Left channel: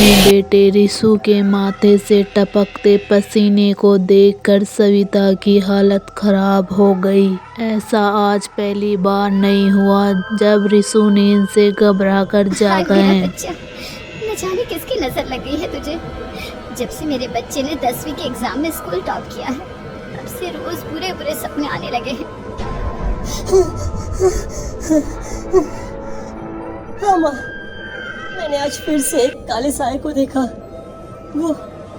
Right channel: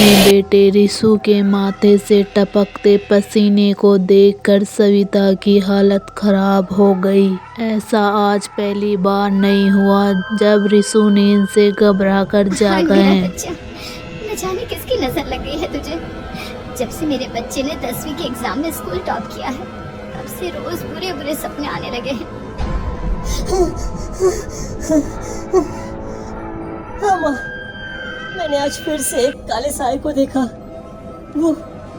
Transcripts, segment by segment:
अपने बेटे रिशु के माथे से टपकते पसीने को देखकर सविता की हालत खराब हो गई। ऐसा आज पहली बार नहीं हुआ जब रिशु नींद से घबराकर जागा है। न जाने किसकी नजर लग गई है तुझे। जब से मेरे बच्चे ने 10वीं के एग्जाम में स्कूल टॉप किया है तब से रोज बुरे बुरे सपने आने लगे हैं। हाँ माँ, मैंने आज फिर से एक काले साए को देखा।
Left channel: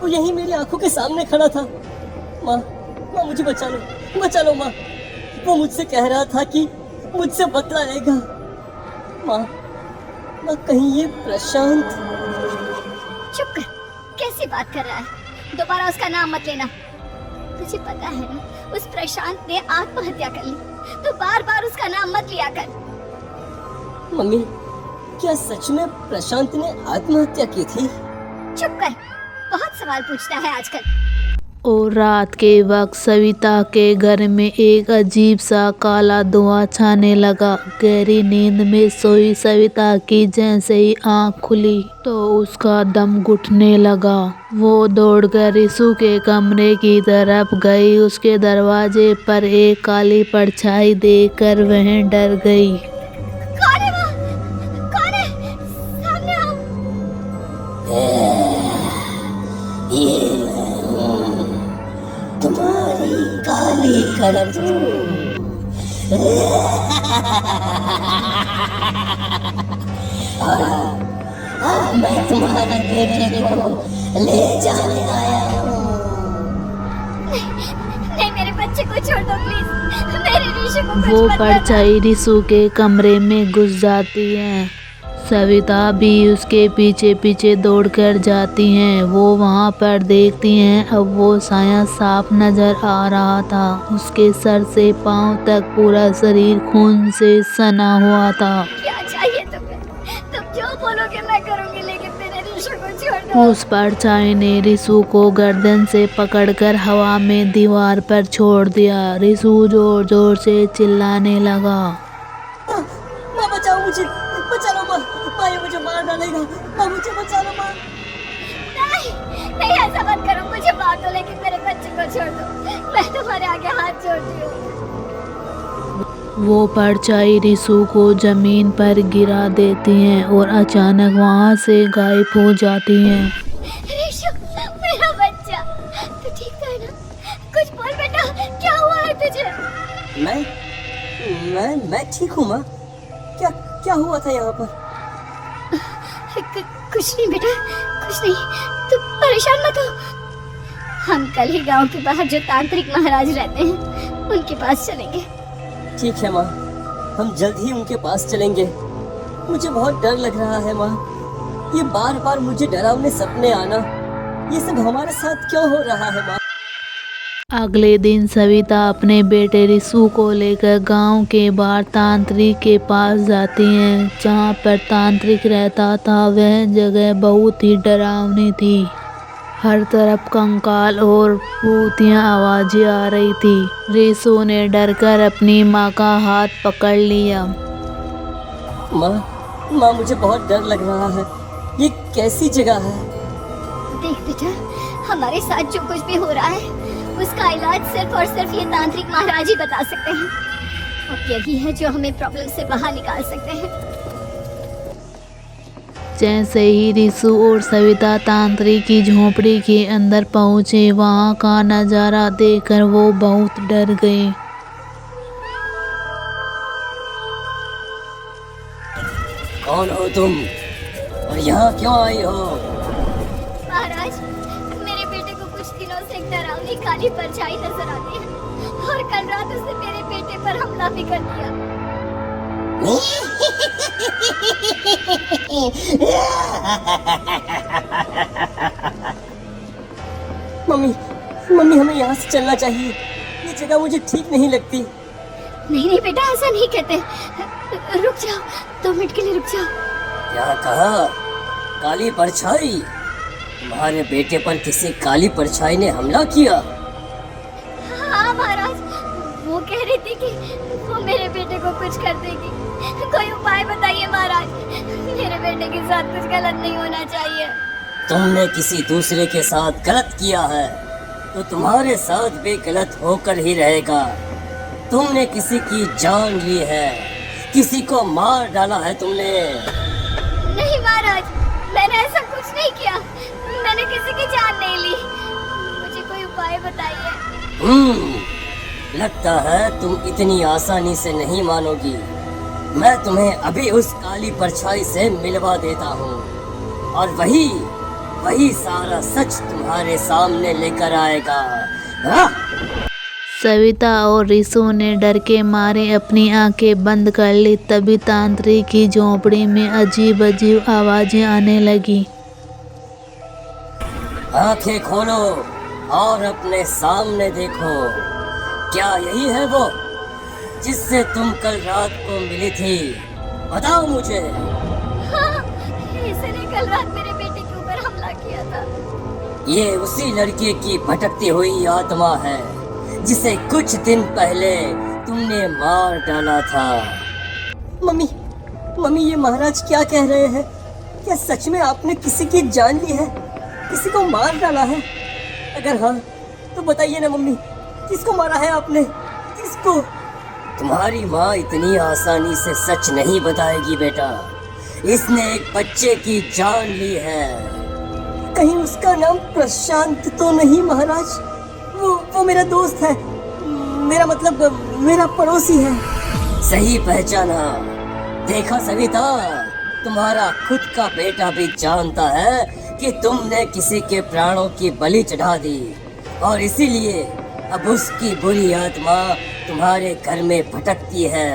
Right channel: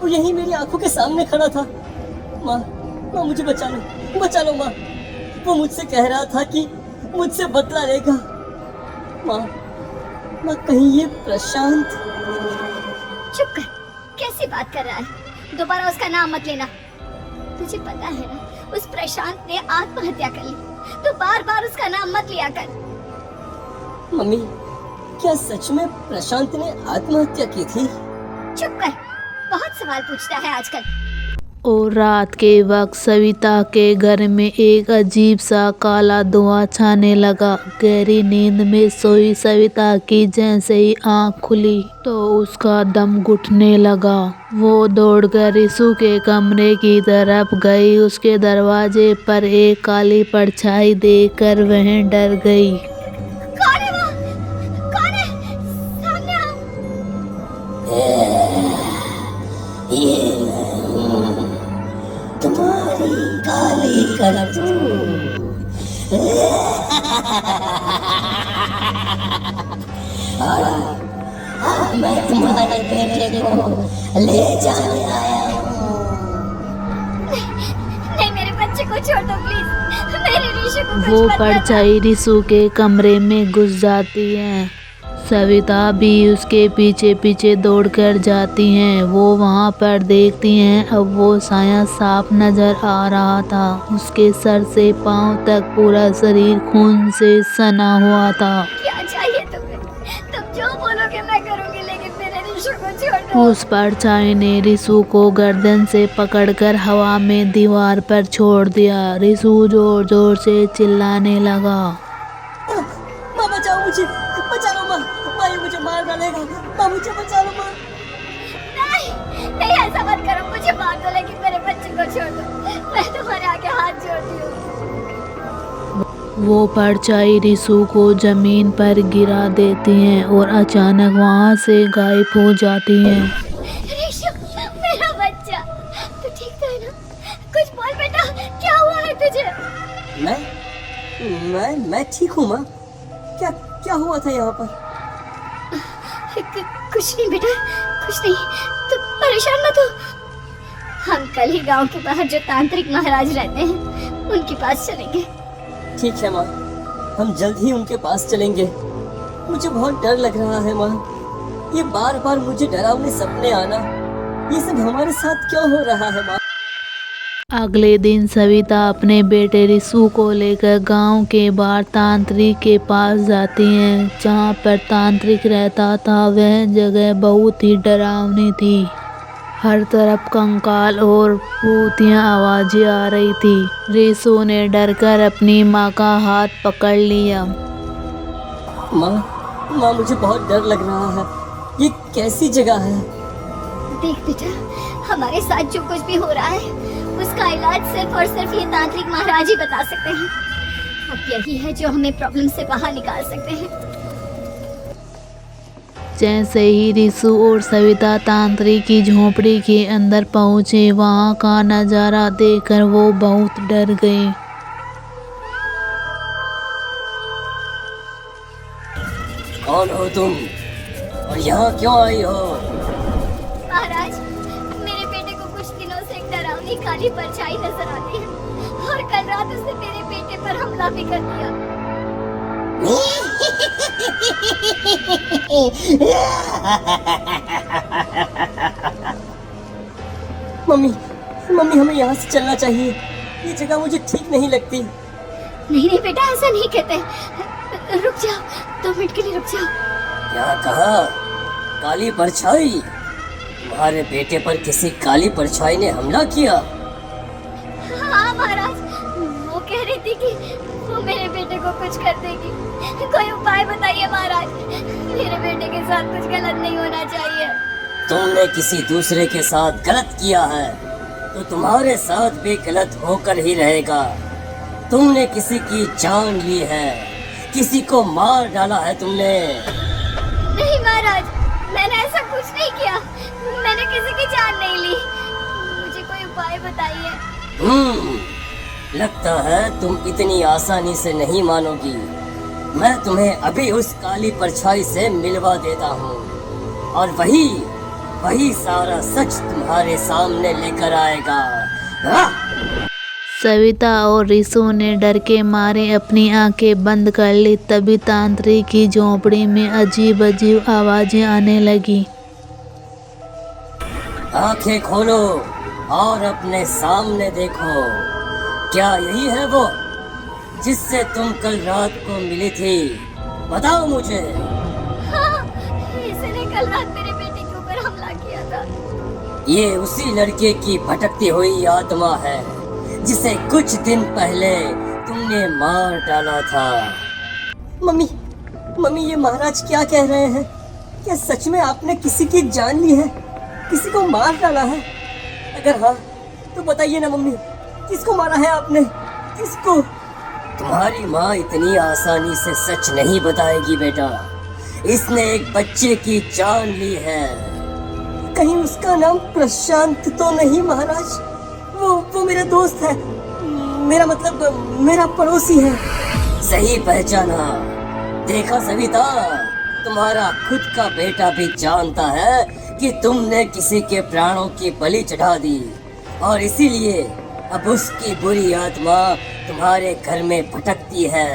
वो यही मेरी आंखों के सामने खड़ा था। माँ, मुझे बचा लो माँ। वो मुझसे कह रहा था कि मुझसे बदला लेगा। माँ कहीं ये प्रशांत। चुप कर, कैसी बात कर रहा है? दोबारा उसका नाम मत लेना। तुझे पता है ना, उस प्रशांत ने आत्महत्या कर ली। तो बार बार उसका नाम मत लिया कर। मम्मी, क्या सच में प्रशांत ने आत्महत्या की थी? चुप कर, बहुत सवाल पूछता है आजकल। और रात के वक्त सविता के घर में एक अजीब सा काला धुआं छाने लगा। गहरी नींद में सोई सविता की जैसे ही आंख खुली तो उसका दम घुटने लगा। वो दौड़कर रिशु के कमरे की तरफ गई। उसके दरवाजे पर एक काली परछाई देखकर वह डर गई। कौन है वो? कौन है? सामने आओ। तुम्हारी काली करतूत। मैं तुम्हारे बेटे को ले जाने आया हूँ। नहीं, मेरे बच्चे को छोड़ दो प्लीज। मेरे रिशु को कुछ वो मत करना। परछाई रिशु के कमरे में घुस जाती है। सविता भी उसके पीछे पीछे दौड़कर जाती हैं। वो वहां पर देखती हैं, अब वो साया साफ नजर आ रहा था। उसके सर से पांव तक पूरा शरीर खून से सना हुआ था। क्या चाहिए तुम्हें? तुम जो बोलोगे मैं करूंगी, लेकिन मेरे रिशु को छोड़ दो। उस परछाई ने रिशु को गर्दन से पकड़कर हवा में दीवार पर छोड़ दिया। रिशु जोर जोर से चिल्लाने लगा। माँ बचाओ मुझे, बचा लो माँ। ये मुझे मार डालेगा। माँ मुझे बचा लो माँ। नहीं, ऐसा मत करो। मुझे मार दो, लेकिन मेरे बच्चे को छोड़ दो। मैं तुम्हारे आगे हाथ जोड़ती हूँ। वो परछाई रिशु को जमीन पर गिरा देती हैं और अचानक वहां से गायब हो जाती हैं। रिशु, मेरा बच्चा, तू ठीक था ना? कुछ बोल बेटा, क्या हुआ है तुझे? मैं ठीक हूँ माँ। क्या हुआ था यहाँ पर? कुछ नहीं बेटा, कुछ नहीं। तू परेशान मत हो। हम कल ही गांव के बाहर जो तांत्रिक महाराज रहते हैं उनके पास चलेंगे। ठीक है माँ, हम जल्द ही उनके पास चलेंगे। मुझे बहुत डर लग रहा है माँ। ये बार बार मुझे डरावने सपने आना, ये सब हमारे साथ क्यों हो रहा है माँ? अगले दिन सविता अपने बेटे रिशु को लेकर गांव के बाहर तांत्रिक के पास जाती हैं। जहां पर तांत्रिक रहता था वह जगह बहुत ही डरावनी थी। हर तरफ कंकाल और भूतियां आवाजें आ रही थी। रिशु ने डरकर अपनी माँ का हाथ पकड़ लिया। माँ मुझे बहुत डर लग रहा है। ये कैसी जगह है? देख बेटा, हमारे साथ जो कुछ भी हो रहा है उसका इलाज सिर्फ और सिर्फ ये तांत्रिक महाराज ही बता सकते हैं। और यही है जो हमें प्रॉब्लम से बाहर निकाल सकते हैं। जैसे ही रिशु और सविता तांत्रिक की झोपड़ी के अंदर पहुंचे, वहां का नजारा देखकर वो बहुत डर गए। कौन हो तुम और यहाँ क्यों आई हो? महाराज, मेरे बेटे को कुछ दिनों से एक डरावनी काली परछाई नजर आती है और कल रात उसने मेरे बेटे पर हमला भी कर दिया। मम्मी हमें यहाँ से चलना चाहिए। ये जगह मुझे ठीक नहीं लगती। नहीं बेटा, ऐसा नहीं कहते। रुक जाओ, 2 मिनट के लिए रुक जाओ। क्या कहा? काली परछाई? तुम्हारे बेटे पर किसी काली परछाई ने हमला किया? हाँ महाराज, वो कह रही थी कि वो मेरे बेटे को कुछ कर देगी। कोई उपाय बताइए महाराज, मेरे बेटे के साथ कुछ गलत नहीं होना चाहिए। तुमने किसी दूसरे के साथ गलत किया है तो तुम्हारे साथ भी गलत होकर ही रहेगा। तुमने किसी की जान ली है, किसी को मार डाला है तुमने। नहीं महाराज, मैंने ऐसा कुछ नहीं किया। मैंने किसी की जान नहीं ली। मुझे कोई उपाय बताइए। लगता है तुम इतनी आसानी से नहीं मानोगी। मैं तुम्हें अभी उस काली परछाई से मिलवा देता हूँ और वही सारा सच तुम्हारे सामने लेकर आएगा। सविता और रिशु ने डर के मारे अपनी आंखें बंद कर ली। तभी तांत्रिक की झोंपड़ी में अजीब अजीब आवाजें आने लगी। आंखें खोलो और अपने सामने देखो। क्या यही है वो जिससे तुम कल रात को मिली थी? बताओ मुझे। हाँ, इसने कल रात मेरे बेटे के ऊपर हमला किया था। ये उसी लड़के की भटकती हुई आत्मा है जिसे कुछ दिन पहले तुमने मार डाला था। मम्मी ये महाराज क्या कह रहे हैं? क्या सच में आपने किसी की जान ली है, किसी को मार डाला है? अगर हाँ तो बताइए ना मम्मी, किसको मारा है आपने? किसको? तुम्हारी माँ इतनी आसानी से सच नहीं बताएगी बेटा। इसने एक बच्चे की जान ली है। कहीं उसका नाम प्रशांत तो नहीं महाराज? वो मेरा दोस्त है, मेरा मतलब मेरा पड़ोसी है। सही पहचाना। देखा सविता, तुम्हारा खुद का बेटा भी जानता है कि तुमने किसी के प्राणों की बलि चढ़ा दी और इसीलिए अब उसकी बुरी आत्मा तुम्हारे घर में भटकती है।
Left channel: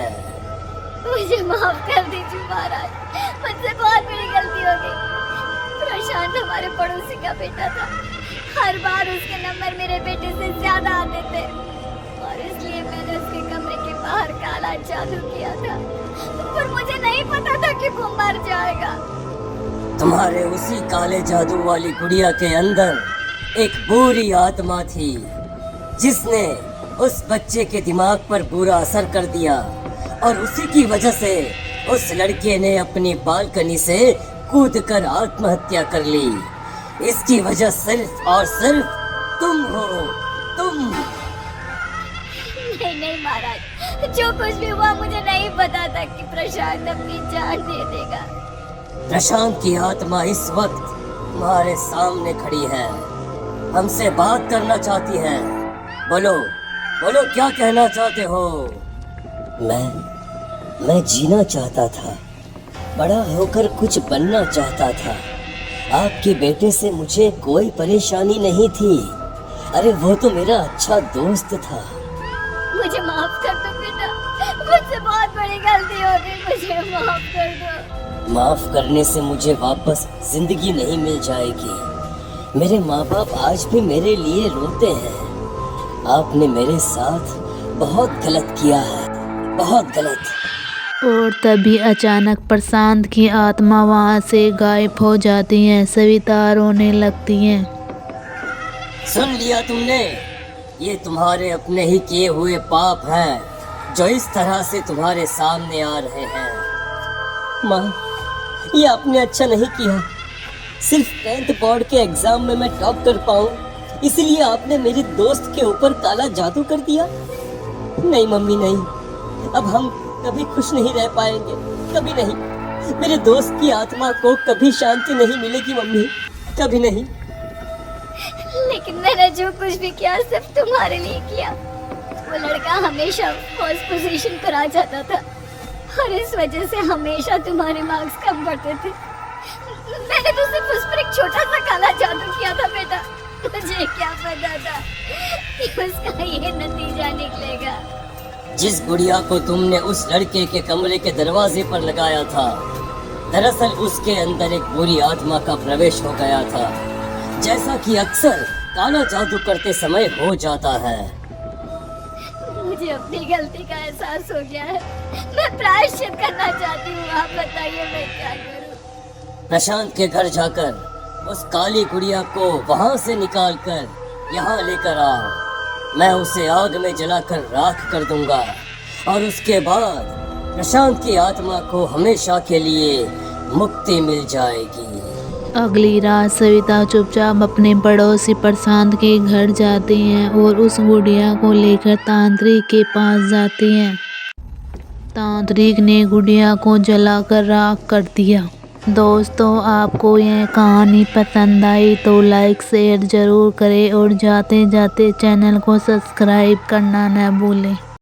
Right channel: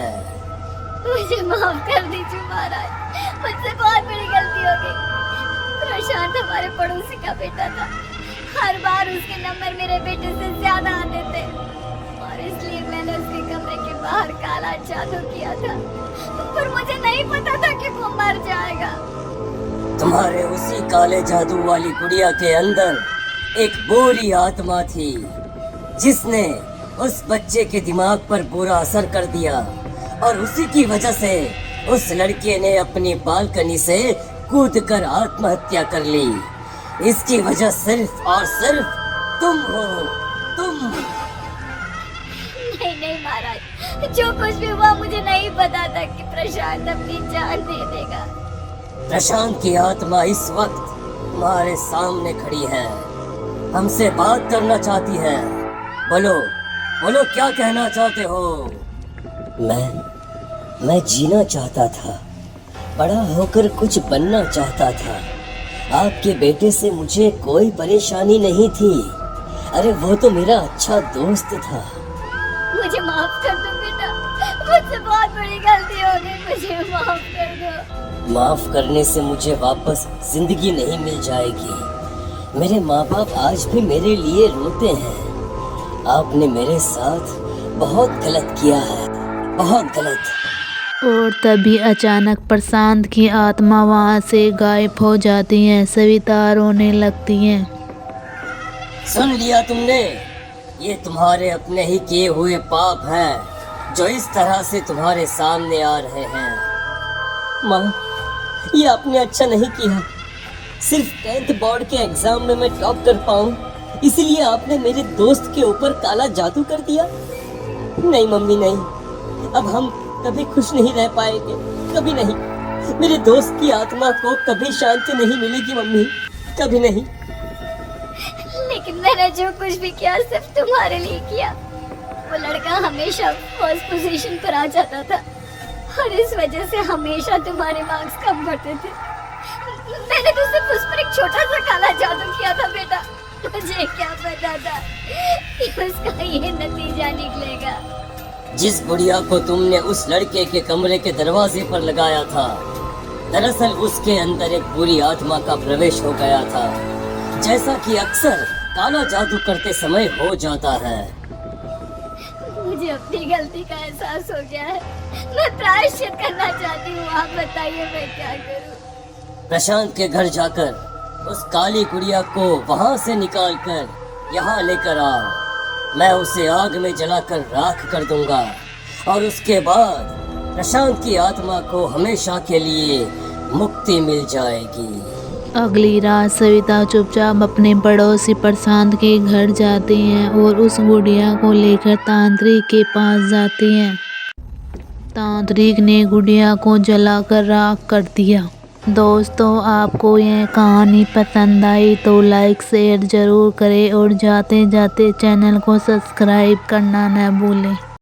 मुझे माफ कर दीजिए महाराज, मुझसे बहुत बड़ी गलती हो गई। प्रशांत हमारे पड़ोसी का बेटा था। हर बार उसके नंबर मेरे बेटे से ज्यादा आते थे और इसलिए मैंने उसके कमरे के बाहर काला जादू किया था, पर मुझे नहीं पता था कि वो मर जाएगा। तुम्हारे उसी काले जादू वाली गुड़िया के अंदर एक बुरी आत्मा थी जिसने उस बच्चे के दिमाग पर बुरा असर कर दिया और उसी की वजह से उस लड़के ने अपनी बालकनी से कूदकर आत्महत्या कर ली। इसकी वजह सिर्फ और सिर्फ तुम हो, तुम। नहीं महाराज, जो कुछ भी हुआ मुझे नहीं पता था कि प्रशांत अपनी जान दे देगा। प्रशांत की आत्मा इस वक्त तुम्हारे सामने खड़ी है, हमसे बात करना चाहती है। बोलो क्या कहना चाहते हो? मैं जीना चाहता था, बड़ा होकर कुछ बनना चाहता था। आपके बेटे से मुझे कोई परेशानी नहीं थी। अरे वो तो मेरा अच्छा दोस्त था। मुझे माफ कर दो बेटा, मुझसे बहुत बड़ी गलती हो गई, मुझे माफ कर दो। माफ करने से मुझे वापस जिंदगी नहीं मिल जाएगी। मेरे माँ बाप आज भी मेरे लिए रोते हैं। आपने मेरे साथ बहुत गलत किया है, बहुत गलत। और तभी अचानक प्रशांत की आत्मा वहां से गायब हो जाती है। सविता रोने लगती है। सुन लिया तुमने? ये तुम्हारे अपने ही किए हुए पाप हैं जो इस तरह से तुम्हारे सामने आ रहे हैं। माँ, ये आपने अच्छा नहीं किया। सिर्फ 10th बोर्ड के एग्जाम में मैं टॉप कर पाऊँ इसलिए आपने मेरे दोस्त के ऊपर काला जादू कर दिया। नहीं मम्मी नहीं, अब हम कभी खुश नहीं रह पाएंगे, कभी नहीं। मेरे दोस्त की आत्मा को कभी शांति नहीं मिलेगी मम्मी, कभी नहीं। लेकिन मैंने जो कुछ भी किया सिर्फ तुम्हारे लिए किया। वो लड़का हमेशा फर्स्ट पोजीशन पर आ जाता था और इस वजह से हमेशा तुम्हारे मार्क्स कम बढ़ते थे। मैंने तो सिर्फ उस पर एक छोटा सा काला जादू किया था बेटा। मुझे क्या पता था कि उसका ये नतीजा निकलेगा। जिस गुड़िया को तुमने उस लड़के के कमरे के दरवाजे पर लगाया था, दरअसल उसके अंदर एक बुरी आत्मा का प्रवेश हो गया था, जैसा कि अक्सर काला जादू करते समय हो जाता है। मुझे अपनी गलती का एहसास हो गया है। मैं प्रायश्चित करना चाहती हूँ। आप बताइए मैं क्या करूँ? प्रशांत के घर जाकर उस काली गुड़िया को वहाँ से निकालकर यहाँ लेकर आओ। मैं उसे आग में जलाकर राख कर दूंगा और उसके बाद प्रशांत की आत्मा को हमेशा के लिए मुक्ति मिल जाएगी। अगली रात सविता चुपचाप अपने पड़ोसी प्रशांत के घर जाती हैं और उस गुड़िया को लेकर तांत्रिक के पास जाती हैं। तांत्रिक ने गुड़िया को जलाकर राख कर दिया। दोस्तों, आपको यह कहानी पसंद आई तो लाइक शेयर ज़रूर करें और जाते जाते चैनल को सब्सक्राइब करना न भूलें।